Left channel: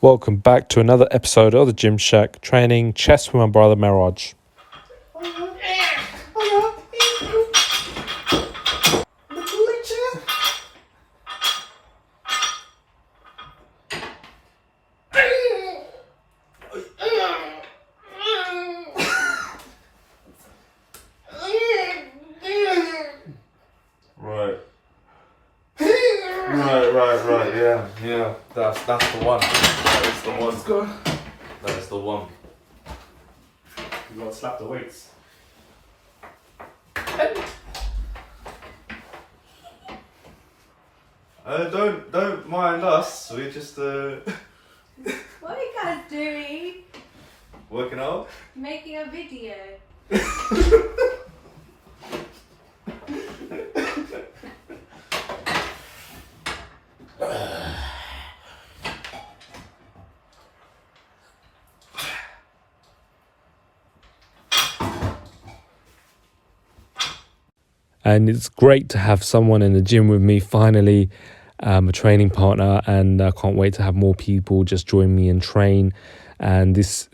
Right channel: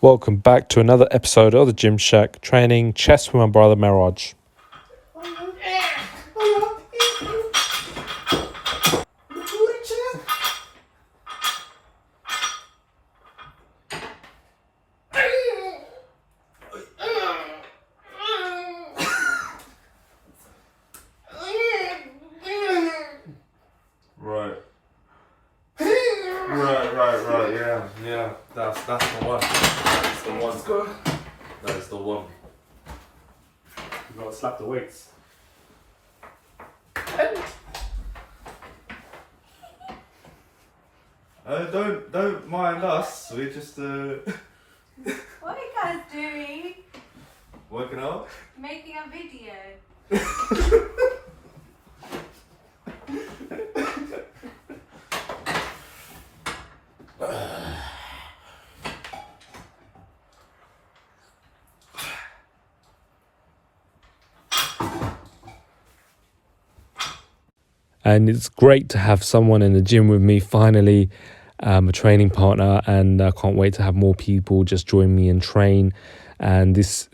Welcome back to another episode of the Gym Shack, training chess with my brother Miraj. Right. Yeah. That's the one. That is the one. Let's go. That is the one. You gotta slap the weights. Don't mind us. We just What are you guys doing? working out. Making a video. And it's great to have someone in the gym with me finally, a training partner, and I can't wait to have more people just join me and train. And this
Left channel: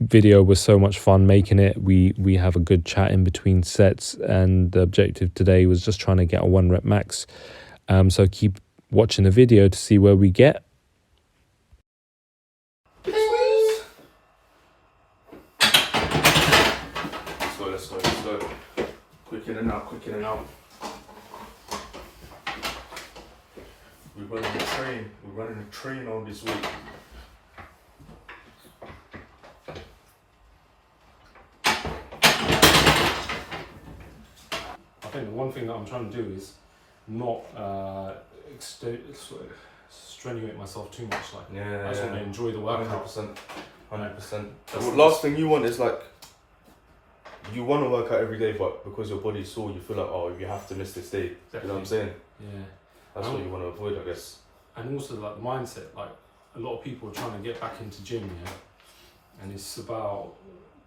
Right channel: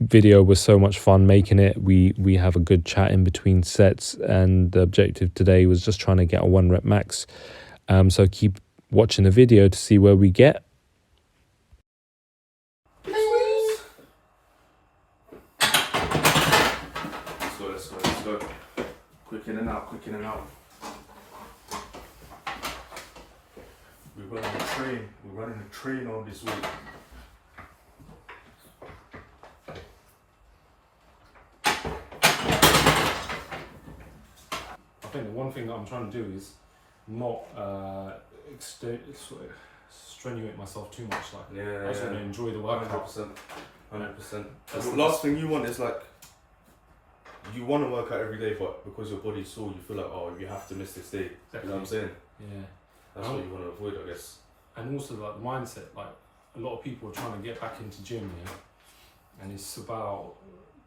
video was so much fun making it. We have a good chat in between sets, and the objective today was just trying to get a 1 rep max. So keep watching the video to see where we get. Let's go. Quick in and out. We're running a train on this week. I think the one thing that I'm trying to do is not strenuate myself too much. Like, I just want to enjoy the workout. 100%. The last thing you want is like, you want to work out every day, but because your body's sore, you feel like, oh, you have to miss this day. Exactly. You know what I'm saying? Yeah. That's what you want to avoid, I guess. And also like the mindset, like a lot of people are trying to get back into gym, yeah, and it's about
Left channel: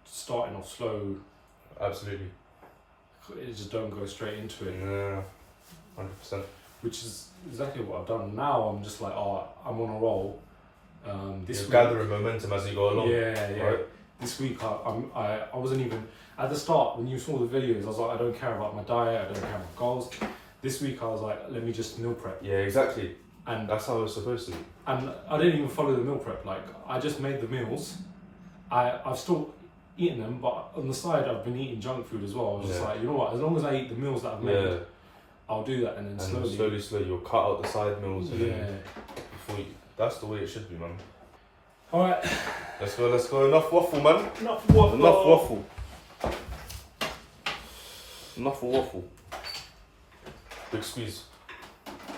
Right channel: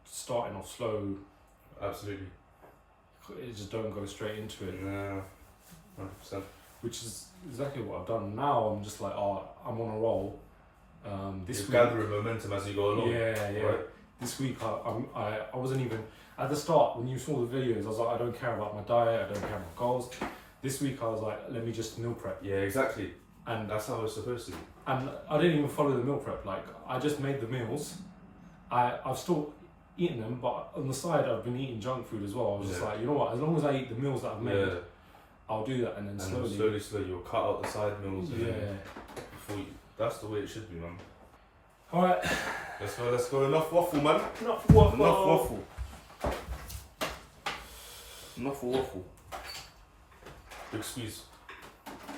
starting off slow. Absolutely. It just don't go straight into it. Yeah, 100%. Which is exactly what I've done. Now I'm just like, oh, I'm on a roll. This You're week, gathering momentum as you go along. Yeah. Right? This week I wasn't even at the start when you saw the videos. I was like, I don't care about my diet. I don't care about goals. This week I was like, let me just meal prep. Yeah, exactly. And that's how it's supposed to be. And I didn't even follow the meal prep. Like, I just made the meals. I've still eaten them, but on the side I've been eating junk food as well. I was just like, you know what? As long as I eat the meals that I've made, I'll do that, and then slowly you'll cut out the side meals. That's the way it should be, man. All right. Let's go. Enough waffle, man. Enough waffle. Enough waffle. Big squeeze.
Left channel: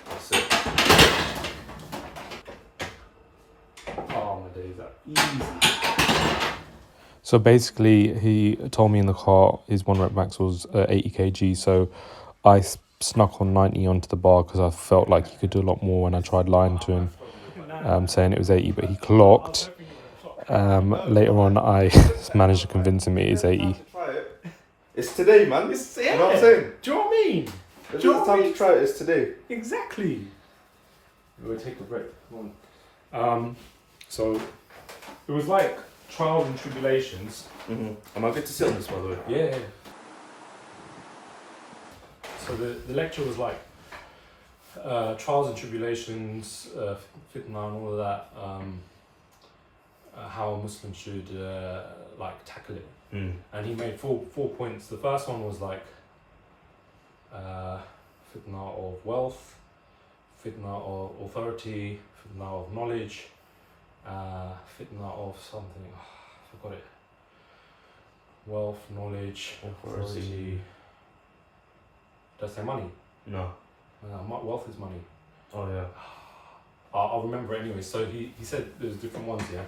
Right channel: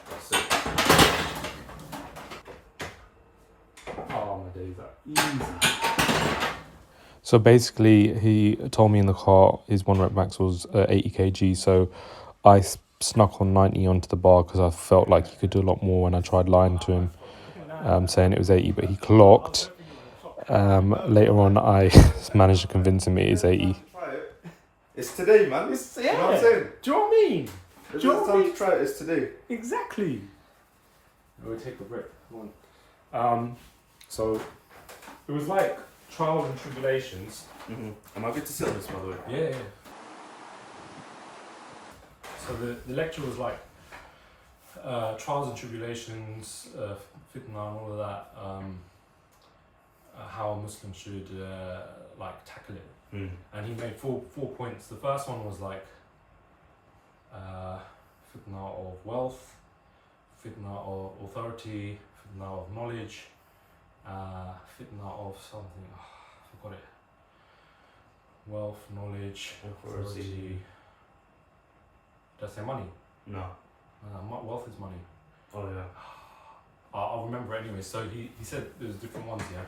That's it. Oh, my days are easy. So basically, he told me in the car his 1 rep max was 80 kg. So I snuck on 90 onto the bar because I felt like he could do a lot more when I tried lying to him, saying it was 80, but he clocked. Later on, I managed to convince him it is 80. It's today, man. You know what I'm saying? Do you know what I mean? It's time to try it. It's today. Exactly. We'll take a break. Come on. So it was like trials and tribulations. Mm-hmm. And I get to sit on this, by the way. Yeah. So the lecture was like trials and tribulations, fitna and all of that. How a Muslim should like tackle it. Mm. And he made four points. The first one was like fitna of wealth, fitna of authority, fitna of knowledge, fitna of something. I forgot it. Wealth, knowledge, authority. Did I say money? No. Wealth is money. Oh yeah. I'll remember it anyway. So he said there's different ones, yeah.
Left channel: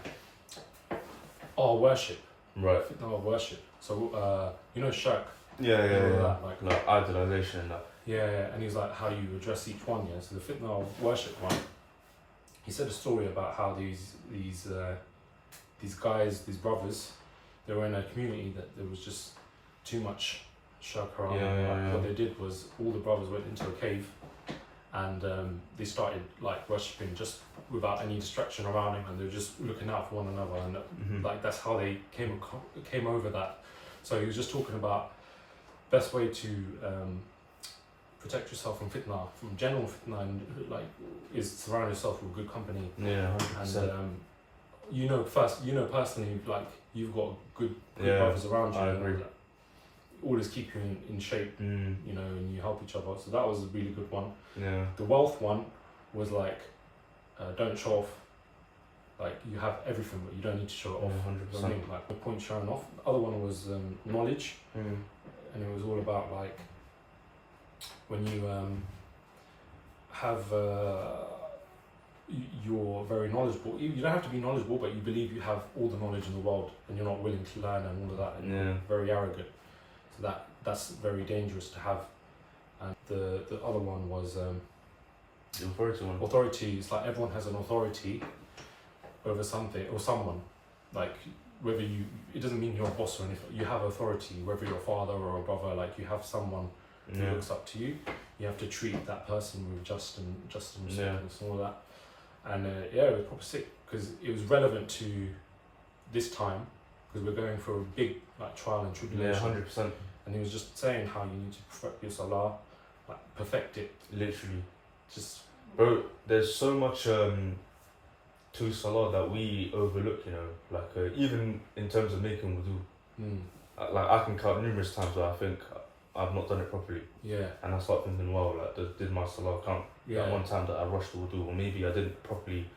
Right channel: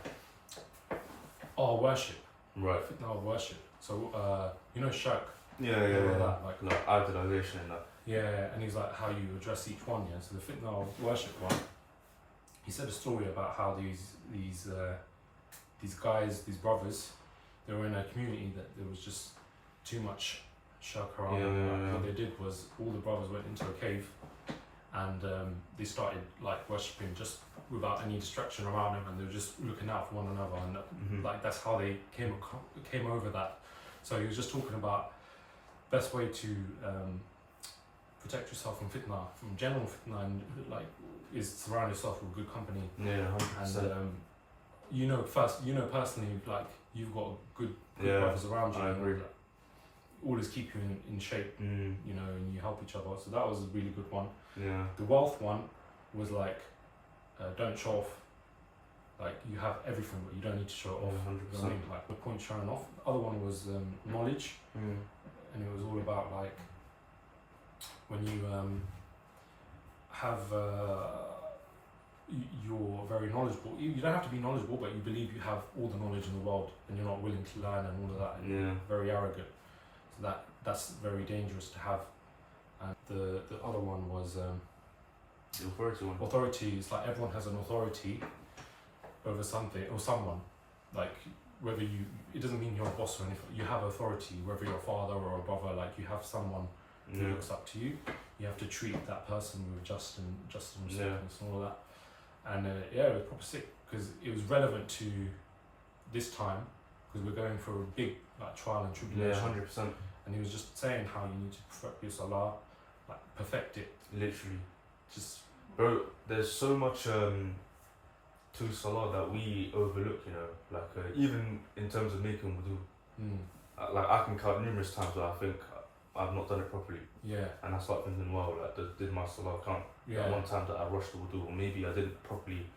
Oh, worship. Right. Fitna of worship. So you know shirk. Yeah. That, like idolization and that. Yeah, and he's like how you address each one, yeah. So the fitna of worship one, he said a story about how these guys, these brothers, they were in a community that there was just too much shirk around. What they did was all the brothers went into a cave, and they started like worshipping just without any distraction around him, and they're just looking out for one another, and like that's how they came over that. So he was just talking about best way to protect yourself from fitna, from general fitna, and like is surround yourself with good company. Yeah, 100%. And personally, like you've got good brothers around you, I and agree. like, always keep you in shape, you know, and you help each other. So that was a really good one. Yeah. The wealth one was like, don't show off. Like you have everything, but you don't need to show it off. You know what I mean? Like the point showing off. The other one was knowledge, and it was all about like when you have you're very knowledgeable. You don't have to be knowledgeable, but you believe you have all the knowledge in the world, and you're not willing to learn and all of that. And you're very arrogant. So that's very dangerous to have. And the other one was The authority one. authority. It's like everyone has an authority over something or someone. Like whether it doesn't mean you're a boss or anything. You have authority, whether you're a father or a brother. Like you have someone who looks up to you. You have to treat that person with justice and all of that. And it was proper sick because it was relevant to this time because we're going through a big like trial and tribulation. 100%. And he was just saying how you need to perfect your salah, like perfect it. Literally. Just Bro, there's so much to salah that we overlook, you know, like even in terms of making wudu. Like I can count numerous times where I think I've not done it properly, and I start thinking, wow, like did my salah count? Like one time that I rushed the wudu, or maybe I didn't properly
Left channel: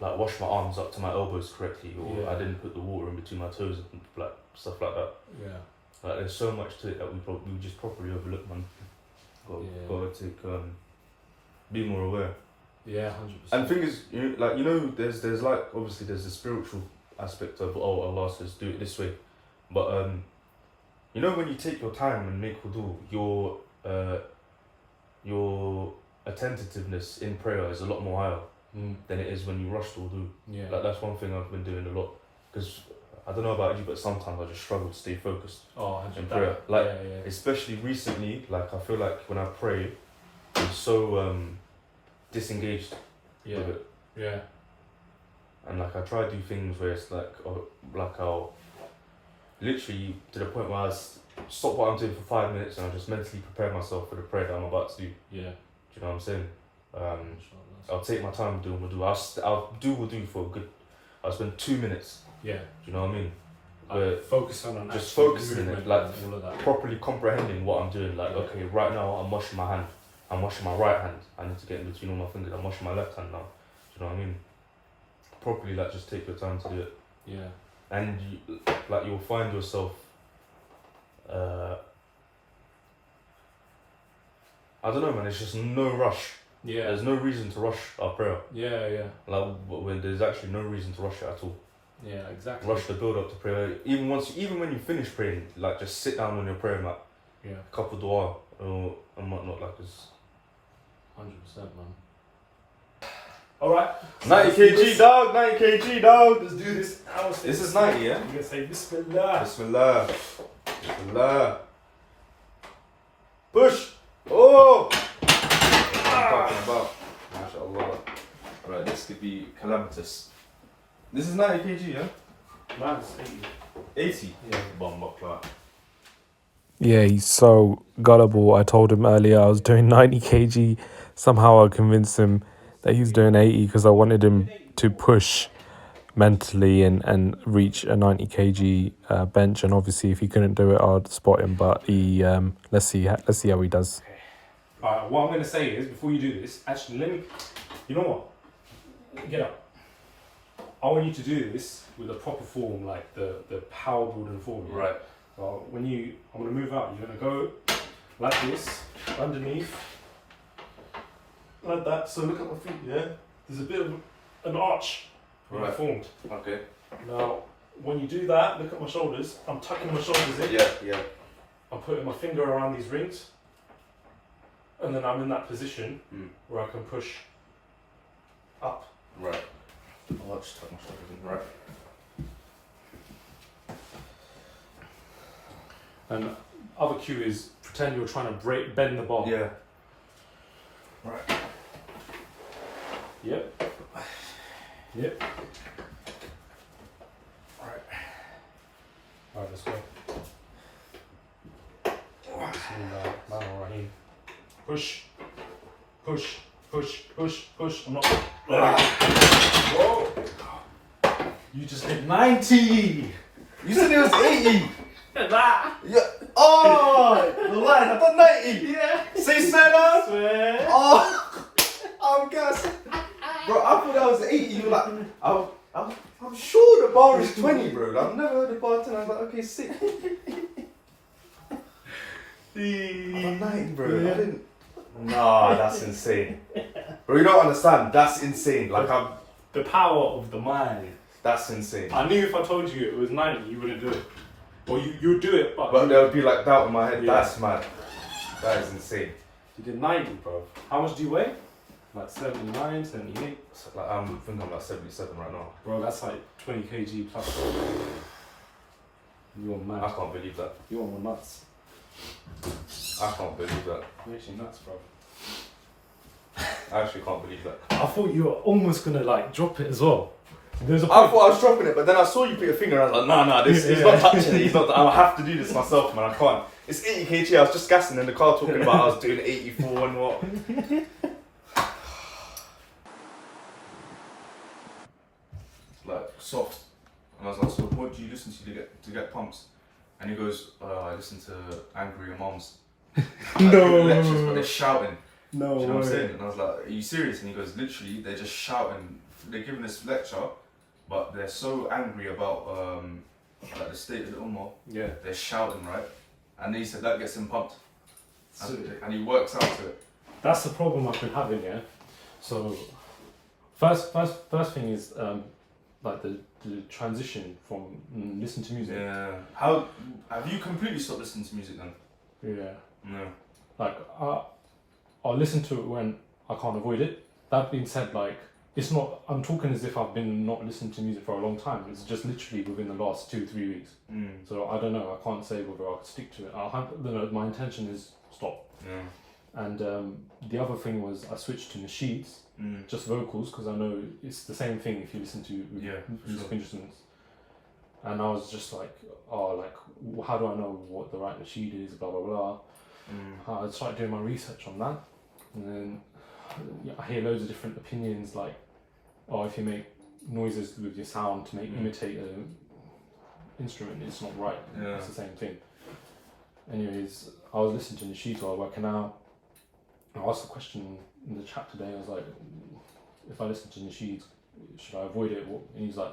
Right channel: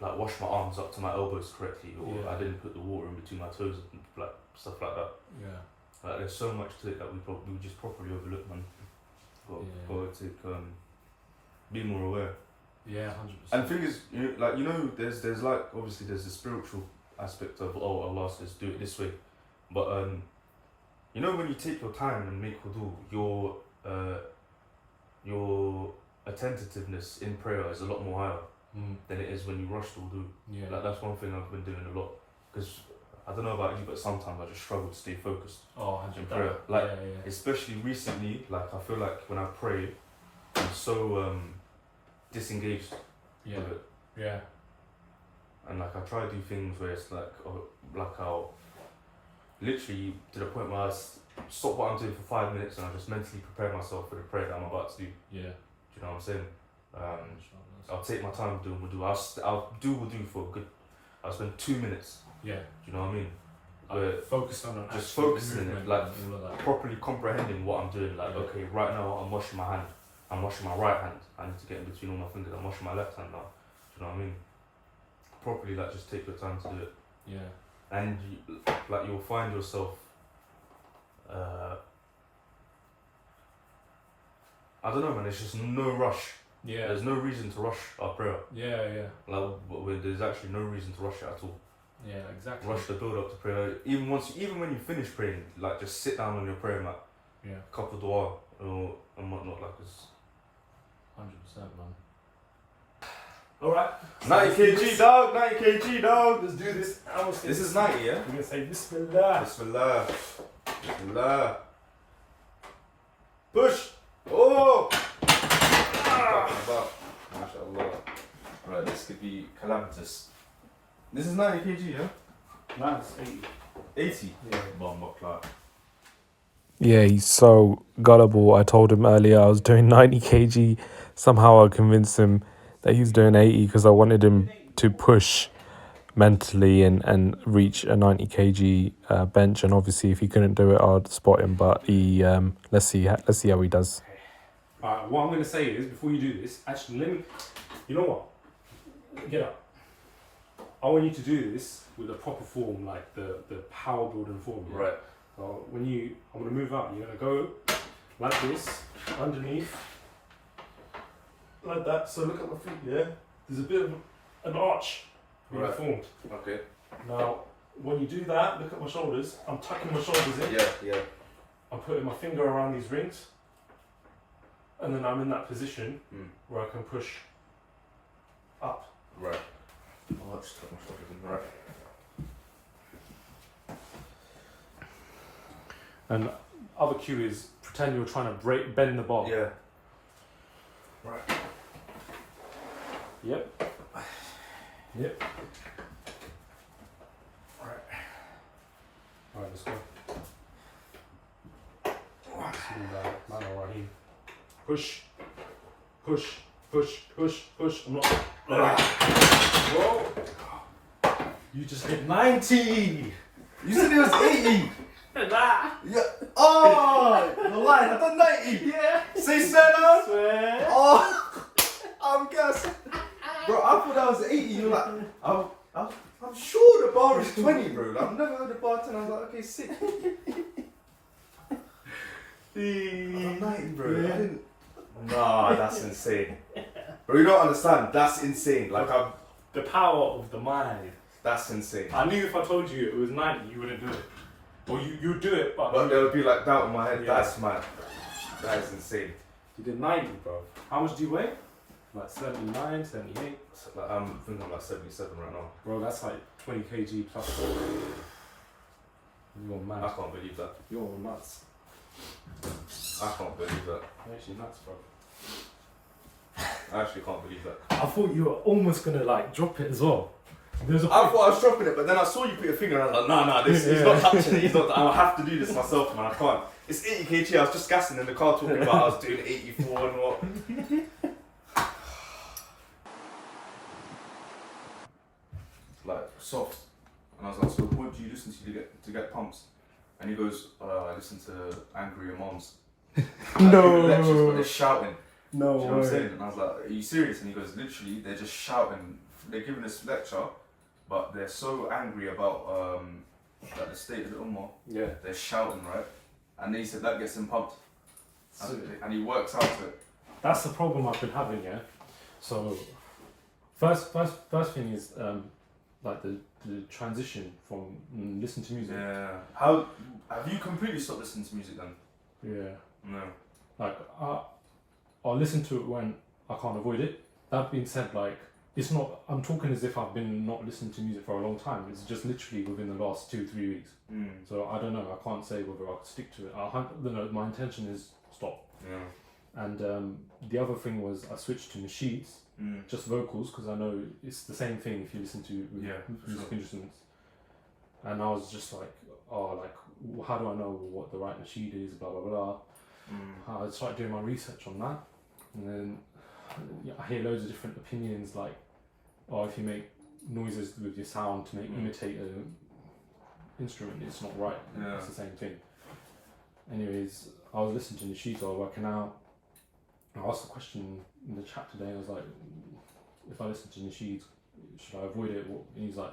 like wash my arms up to my elbows correctly, or I didn't put the water in between my toes, and like stuff like that. Like there's so much to it that we just properly overlook, man. Got to take be more aware. 100%. And the thing is, you know, there's like obviously there's the spiritual aspect of Allah says do it this way, but you know when you take your time and make wudu, your attentiveness in prayer is a lot more higher than it is when you rush the wudu. Like that's one thing I've been doing a lot, because I don't know about you, but sometimes I just struggle to stay focused in prayer. Like especially recently, like I feel like when I pray, I'm so disengaged with it. And like I try to do things where it's like I'll literally to the point where I stop what I'm doing for 5 minutes and I just mentally prepare myself for the prayer that I'm about to do. Do you know what I'm saying? I'll take my time doing wudu. I'll do wudu for a good. I'll spend 2 minutes. Do you know what I mean? Focus on just focusing movement, like all of that. properly comprehending what I'm doing. Like okay, right now I'm washing my hand. I'm washing my right hand. I need to get in between all my fingers. I'm washing my left hand now. Do you know what I mean? Properly, like just take your time to do it. And you'll find yourself. I don't know, man. It's just no rush. There's no reason to rush our prayer. Like when there's actually no reason to rush it at all. Exactly. Rush the build up to prayer. Even when you finish praying, like just sit down on your prayer mat. Couple dua and whatnot, like it's 100%, man. Alright. 90 kg dog, 90 kg dog. Let's do this. This is 90, yeah? We're gonna say Bismillah. Bismillah. Bismillah. Push. Oh! MashaAllah. Right, this could be calamitous. This is 90 kg, yeah? No, it's 80. 80? Bomb clock. Yeah, he's so gullible. I told him earlier I was doing 90 kg. Somehow I convinced him that he's doing 80 because I wanted him to push mentally and reach a 90 kg bench. And obviously, if he couldn't do it, I'd spot him. But he let's see how he does. Alright, what I'm gonna say is before you do this, actually you know what? Get up. I want you to do this with a proper form, like the power building form. Right. I'm gonna move out. You're gonna go like this, underneath, like that. So look at my feet. Yeah, there's a bit of an arch formed. Okay. Now, when you do that, look at my shoulders. I'm tucking my shoulders in. Yeah. I'm putting my finger around these rings, and then I'm in that position where I can push up. Right. I'll just tuck my shoulders in. Right. And other cue is pretend you're trying to bend the bar. Yeah. Right. Yep. Alright, let's go. Bismillahirrahmanirrahim. Push. Push. Push. Push. Push. I'm not. Whoa. You just hit 90. You said it was 80. That. Yeah. Oh, the line. I done 90. Yeah. Say Senna. Swear. Oh, I'm gassed. Bro, I thought that was 80. You were like, I'm sure the bar is 20, bro. I've never heard the bar 10. I was like, okay, sick. I'm 90, bro. I didn't. Nah, that's insane. Bro, you don't understand. That's insane. Like, The power of the mind. that's insane. I knew if I told you it was 90, you wouldn't do it. Or you'd do it, but But there would be like doubt in my head. Yeah. That's mad. That is insane. you did 90, bro. How much do you weigh? Like 79, 78? Like, I think I'm like 77 right now. Bro, that's like 20 kg plus. You're I mad. can't believe that. You're nuts. I can't believe that. You're actually nuts, bro. I actually can't believe that. I thought you were almost gonna like drop it as well. There's a I thought I was dropping it, but then I saw you put your finger and I was like, nah, he's not touching it. He's not. I have to do this myself, man. I can't. It's 80 kg. I was just gassing in the car talking about I was doing 84 and what. Like soft, and I was like, so what do you listen to get pumps? And he goes, I listen to angry moms. No. Lectures, but they're shouting. No. Do you know what I'm saying? And I was like, are you serious? And he goes, literally, they're just shouting. They're giving this lecture, but they're so angry about like the state of the ummah. Yeah. They're shouting, right? And he said that gets him pumped. So, And he works out to it. that's the problem I've been having, yeah. So first thing is like the transition from listen to music. Yeah. How have you completely stopped listening to music then? Yeah. No. Like I'll listen to it when I can't avoid it. That being said, like it's not. I'm talking as if I've been not listening to music for a long time. It's just literally within the last 2-3 weeks. So I don't know. I can't say whether I could stick to it. My intention is stop. Yeah. And the other thing was I switched to nasheeds, just vocals, because I know it's the same thing if you listen to music instruments. And I was just like, how do I know what the right nasheed is? Blah blah blah. I started doing my research on that, and then I hear loads of different opinions, like, if you make noises with your sound to imitate an instrument, it's not right. Yeah. It's the same thing. Anyways, I was listening to nasheed while working out. I asked a question in the chat today. I was like, if I listen to nasheed, should I avoid it? And he's like,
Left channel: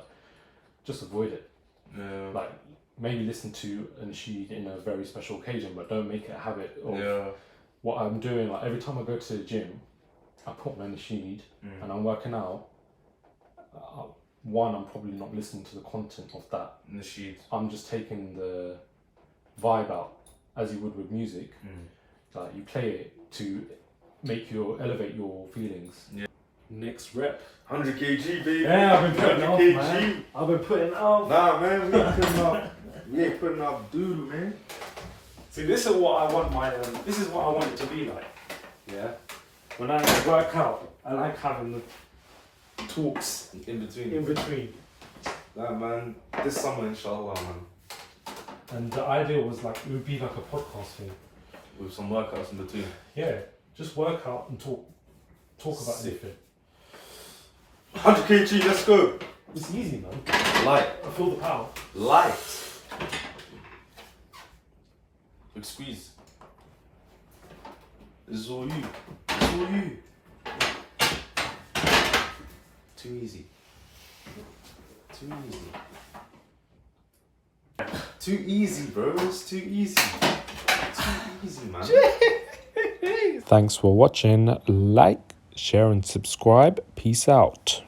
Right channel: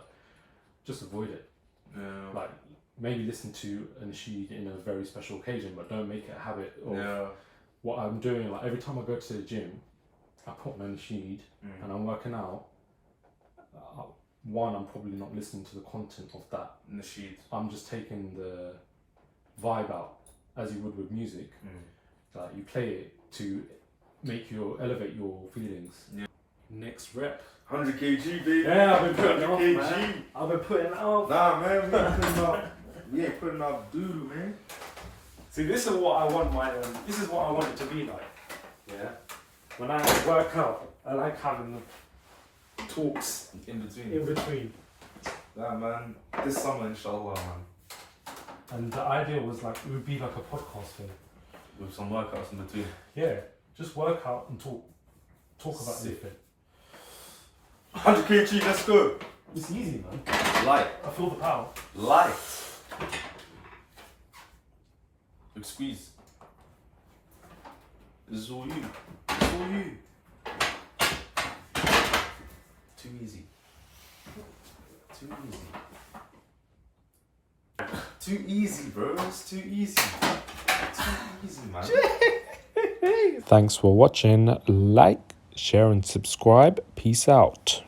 just avoid it. Yeah. Like, maybe listen to a nasheed in a very special occasion, but don't make it a habit of what I'm doing. Like, every time I go to the gym, I put my nasheed and I'm working out. One, I'm probably not listening to the content of that nasheed. I'm just taking the vibe out, as you would with music. Like, you play it to elevate your feelings. Yeah. Next rep. 100 kg, baby. Yeah, I've been putting off, 100 man. I've been putting off. Nah, man, we ain't putting up doodle, man. See, this is what I want this is what I want it to be like. Yeah. When I work out, I like having the talks In between. in between. Nah, man. This summer, inshallah, man. And the idea was like, it would be like a podcast thing. With some workouts in between. Yeah. Just work out and talk about Sick. anything. 100 kg, let's go. It's easy, man. Light. I feel the power. Light. Big squeeze. This is all you. This is all you. Too easy. Too easy. Too easy, bro. It's too easy. Too easy, man. Thanks for watching. Like, share and subscribe. Peace out.